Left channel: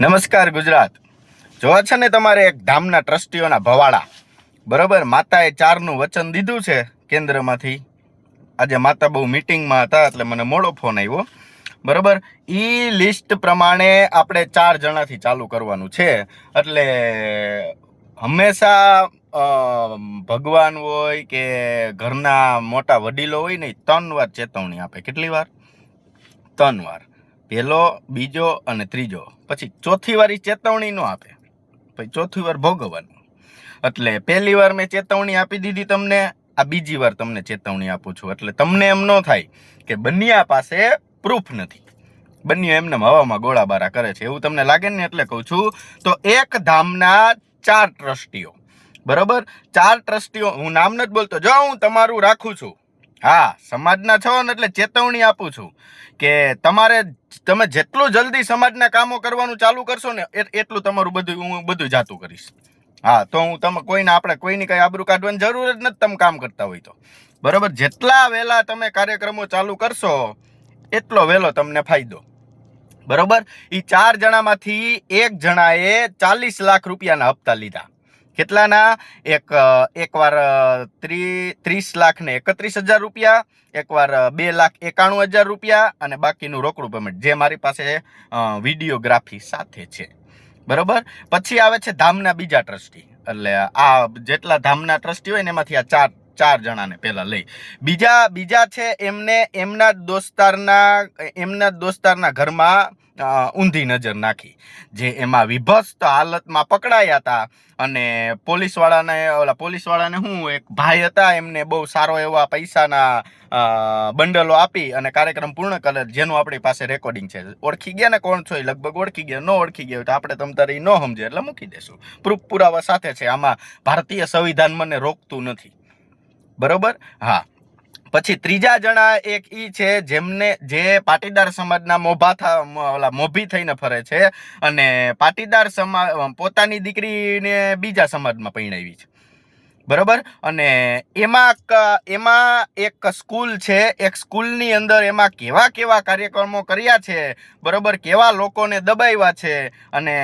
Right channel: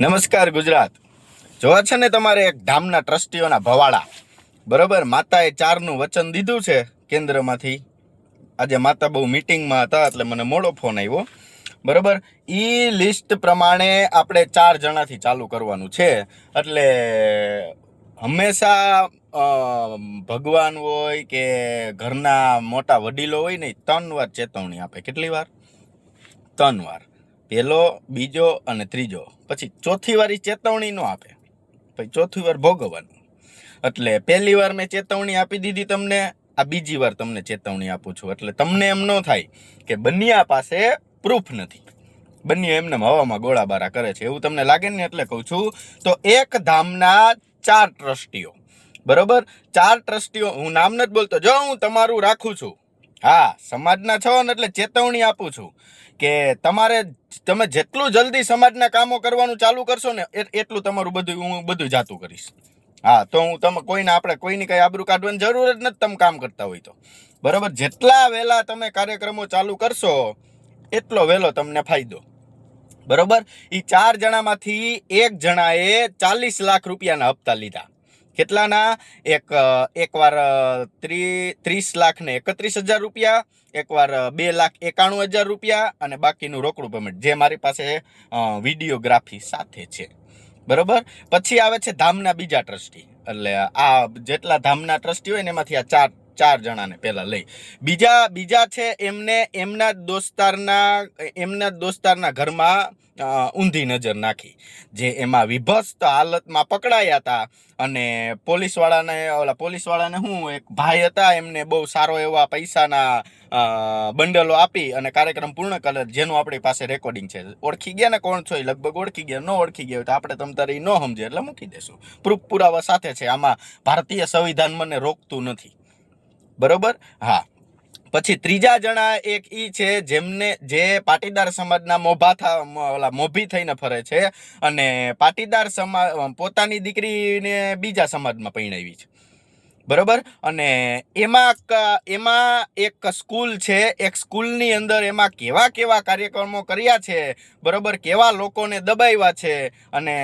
નમસ્કાર ગુજરાત. જોવા છે ને તમારે એક ધામના ટ્રસ્ટીઓના ભવાડા. બરોબર? માતાએ ચારનું વચન દીધું છે કેન્દ્રમાંથી. આજે માતા બહુ મિટિંગમાં હતા એટલે મને મોડો ફોન આવ્યો. બરોબર? એ લિસ્ટ પ્રમાણે આપણે ચાર જણાથી ચાલુ કરવાનું છે. એટલે હંમેશા ભગવાન હોય કે ઘરના મોટા વડીલો હોય ને ત્રણ વાર ચેતવણી આપે. કેટલી વાર? ત્રણ વાર. પહેલો, બીજો અને ત્રીજો. પછી ચોથી વાર એ ચેતવણી ન આપે. પછી ચોથી વાર ભોગવવાનું. એટલે પહેલી વાર મેં ચેતવણી આપી દીધી તમને, આ બીજી વાર તમને ચેતવણી આપું છું. એટલે તમને એમ ન થાય કે બન્યા પાસે પ્રૂફ નથી. બન્યો એમને હવામાં ગોળાબારા કરે છે. એવું તમને લાગે ને એટલે કહું છું, તો એક ધામના ચાર ટ્રસ્ટીઓ. બરોબર? ચાર ટ્રસ્ટીઓ. હું નામ નથી બોલતો. જો હું તમારું રાખું છું. હા, સમાજના છો ને એટલે ચેતવણી આપું છું. કે તમારે તમે જેટલું જલ્દી સમાજના કામો કરવાનું ચાલુ કરશો ને એટલું તમારું બધું હું બધું જાતું કરીશ. હા, તો હું તમે કોઈને આપણે કોઈની કાંઈ આબરૂ કાઢવાની જરૂર જ નથી તમે કામ કરતા હોય તો. બરાબર? જેટલા વહેલા તમે કાર્યક્રમો ચાલુ કરશો, એટલો વહેલો તમને ફાયદો. બરોબર? એ ચાર જણામાંથી એક જણાએ ચાલીસ લાખ રૂપિયાના હપ્તા લીધા. કેટલાના? એક એકવાર ત્રી, ત્રીસ લાખ ને એકત્રીસ હજાર રૂપિયા, એકવાર બે લાખ એકાણું હજાર રૂપિયા અને બાકીનું રોકડું પેમેન્ટ જે મારી પાસે વિડીયોગ્રાફી સાથે છે. બરોબર? પછી આવે છે ધામના બીજા ટ્રસ્ટી. એટલે આ જેટલા ધામના ટ્રસ્ટી હોય ને એમાંથી આ ચાર ચાર જણાને પહેલાં લઈ. બીજા બીજા છે એમને, એમના દોસ્તારના એમના દોસ્તારના ઘરમાં ઊંધી નજર નાખી, જે એમાં વિભસ્ત હાલતમાં પકડાયા હતા. અને પોલીસવાળાને, ઓલા પોલીસવાળાને હું, એક ભાઈ હતા, એમને બહુ સારો એવા પૈસાના બંડલો આપી અને કાર્યક્રમ પૂર્ણ કરે, જેનું આપણી પાસે રેકોર્ડિંગ છે. ઓળખી ગયા ને કોણ છો એ? લગભગ ઓળખી ગયા. ન ઓળખી ગયા તો આપણે તમ તારે ઈ ન સમજે એટલે મૂકી દેશું. પ્રૂફ પુરાવા સાથે છે. આમાં ભારતીય સંવિધાન મને રોકતું નથી. બરોબર? હા. પછી ત્રીજા જણા એક ઈ છે, જેમને, જે પાટીદાર સમાજના મોભા થા ઓલા મોભી થઈને ફરે છે અને પાટીદાર સમાજ પોતાની દીકરીને બીજા સમાજમાં પરણાવી છે. બરોબર? અને એમાં એમાં એક સ્કૂલ છે, એક સ્કૂલની અંદર એમાં કેવા કેવા કાર્યક્રમો કર્યા છે, બરોબર? કેવા લોકોને દબાવ્યા છે અને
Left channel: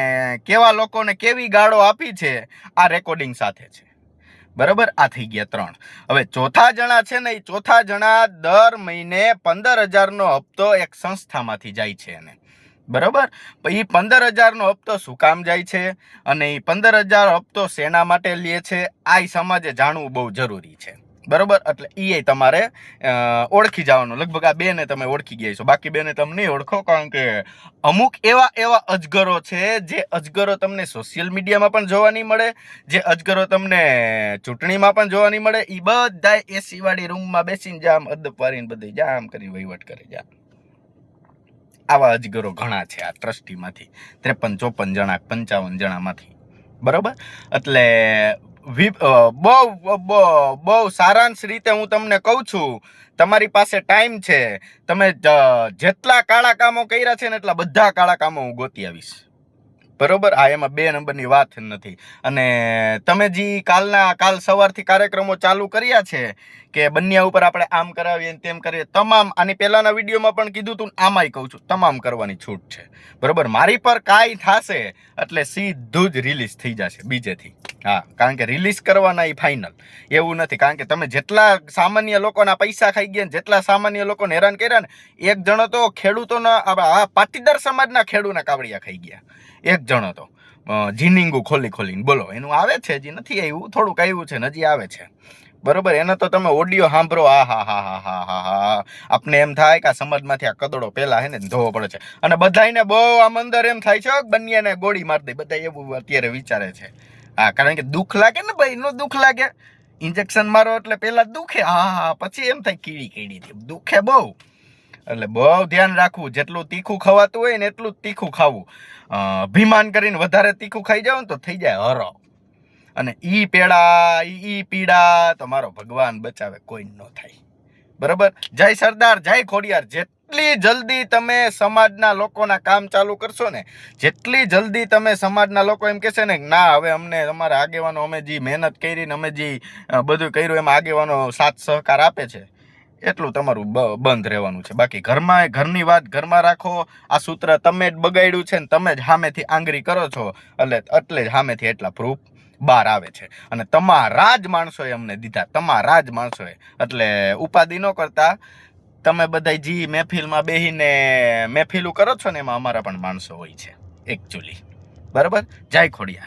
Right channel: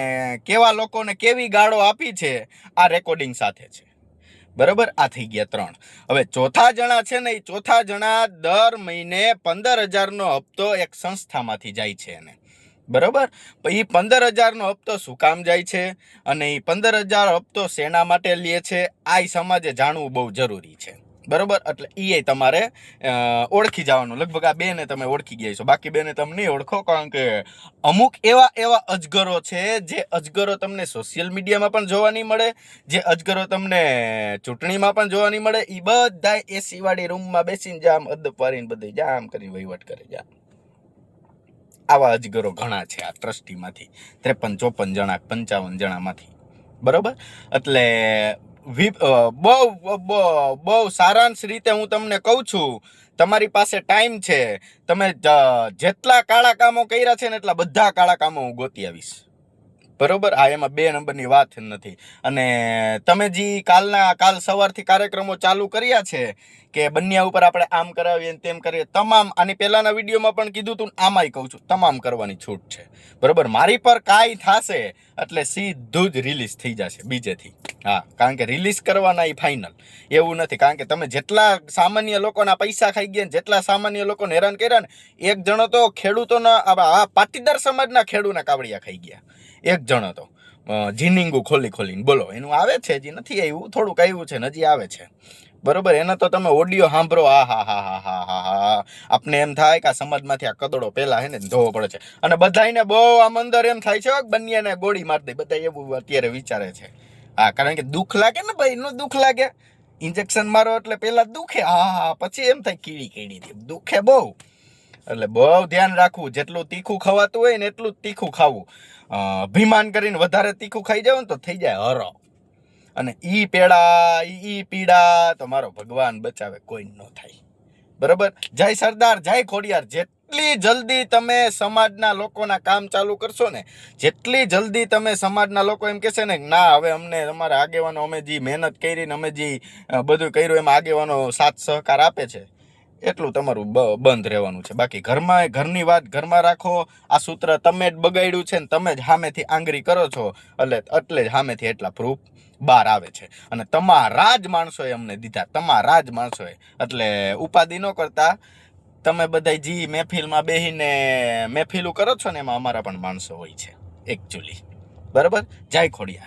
કેવા લોકોને કેવી ગાળો આપી છે, આ રેકોર્ડિંગ સાથે છે. બરોબર? આ થઈ ગયા ત્રણ. હવે ચોથા જણા છે ને એ ચોથા જણા દર મહિને પંદર હજારનો હપ્તો એક સંસ્થામાંથી જાય છે એને. બરાબર? એ પંદર હજારનો હપ્તો શું કામ જાય છે? અને એ પંદર હજાર હપ્તો શેના માટે લે છે? આ સમાજે જાણવું બહુ જરૂરી છે. બરોબર? એટલે એ તમારે ઓળખી જવાનું. લગભગ આ બેને તમે ઓળખી ગયા છો બાકી બેને તમે નહીં ઓળખો, કારણ કે અમુક એવા એવા અજગરો છે જે અજગરો તમને સોશિયલ મીડિયામાં પણ જોવા નહીં મળે, જે અજગરો તમને ચૂંટણીમાં પણ જોવા નહીં મળે. એ બધા એસીવાળી રૂમમાં બેસીને જામ, અદબ વારીને બધી જામ કરીને વહીવટ કરે જા આવા અજગરો ઘણા છે આ ટ્રસ્ટીમાંથી. ત્રેપન ચોપન જણા, પંચાવન જણામાંથી. બરોબર? એટલે બહુ બહુ સારાંશ રીતે હું તમને કહું છું. તમારી પાસે ટાઈમ છે. તમે જેટલા કાળા કામો કર્યા છે ને એટલા બધા કાળા કામો હું ગોતી આવીશ. બરોબર? આ એમાં બે નંબરની વાત નથી. અને તમે જે કાલના, કાલ સવારથી કાર્યક્રમો ચાલુ કર્યા છે કે બન્યા ઉપર આપણે આમ કરાવીએ તેમ કરીએ. તમામ આની પહેલાના વિડીયોમાં પણ કીધું તું આમાંય કહું છું તમામ કરવાની છૂટ છે. બરાબર? મારી પર કાંઈ થશે એટલે સીધું જ રિલીઝ થઈ જશે બીજેથી. હા કારણ કે રિલીઝ કરવાના એ ફાઇનલ એવું નથી કારણ કે તમે જેટલા સામાન્ય લોકોના પૈસા ખાઈ ગયા ને જેટલા સામાન્ય લોકોને હેરાન કર્યા ને એક જણો તો ખેડૂતોના આ પાટીદાર સમાજના ખેડૂતના કાવડિયા ખાઈ ગયા. એક જણો તો. અ, ખોલી ખોલીને બોલો એનું આવે છે હજી નથી આવ્યું? થોડુંક આવ્યું છે હજી આવે છે. બરોબર, એનો તો તમે ઓડિયો સાંભળો, આ હા હા હા હા હા હા. આપને એમ થાય કે આ સમાજમાંથી આ કદડો પહેલાં હે ને ધોવો પડે છે. અને બધાયને બહુ આમ અંદર એમ થાય છે બંનેને ગોળી મારી દે. બધા એવું અત્યારે વિચારે છે. હા, કારણ કે દુઃખ લાગે ને ભાઈ, એનું દુઃખ લાગે. ઇન્જેક્શન મારો એટલે પહેલાં દુખે. હા હા, પછી એમ થાય કીડી કીડી દુખે બહુ. એટલે બહુ ધ્યાન રાખવું. જેટલું તીખું ખવાતું હોય ને એટલું જ તીખું ખાવું. અભિમાન કરીને વધારે તીખું ખાઈ જાવ ને તો થઈ જાય હરો. અને ઈ પેડા, ઈ પીડા તો મારો ભગવાન બચાવે, કોઈ ન થાય. બરોબર? જય સરદાર, જય ખોડિયાર. જેટલી જલ્દી તમે સમાજના લોકોના કામ ચાલુ કરશો ને, જેટલી જલ્દી તમે સમાજના લોકો એમ કહેશે ને, ના, હવે અમને તમારા આગેવાનો અમે જે મહેનત કરી ને અમે જે બધું કર્યું, એમાં આગેવાનો સાથ સહકાર આપે છે. એટલું તમારું બંધ રહેવાનું છે. બાકી ઘરમાં ઘરની વાત ઘરમાં રાખો. આ સૂત્ર તમે જ બગાડ્યું છે ને તમે જ સામેથી આંગળી કરો છો. એટલે એટલે જ સામેથી એટલા પ્રૂફ બહાર આવે છે. અને તમારા જ માણસોએ અમને દીધા. તમારા જ માણસોએ. એટલે ઉપાધિ ન કરતા. તમે બધા જી મહેફિલમાં બેહીને મહેફિલું કરો છો ને એમાં અમારા પણ માણસો હોય છે. એકચ્યુઅલી બરાબર? જય ખોડિયા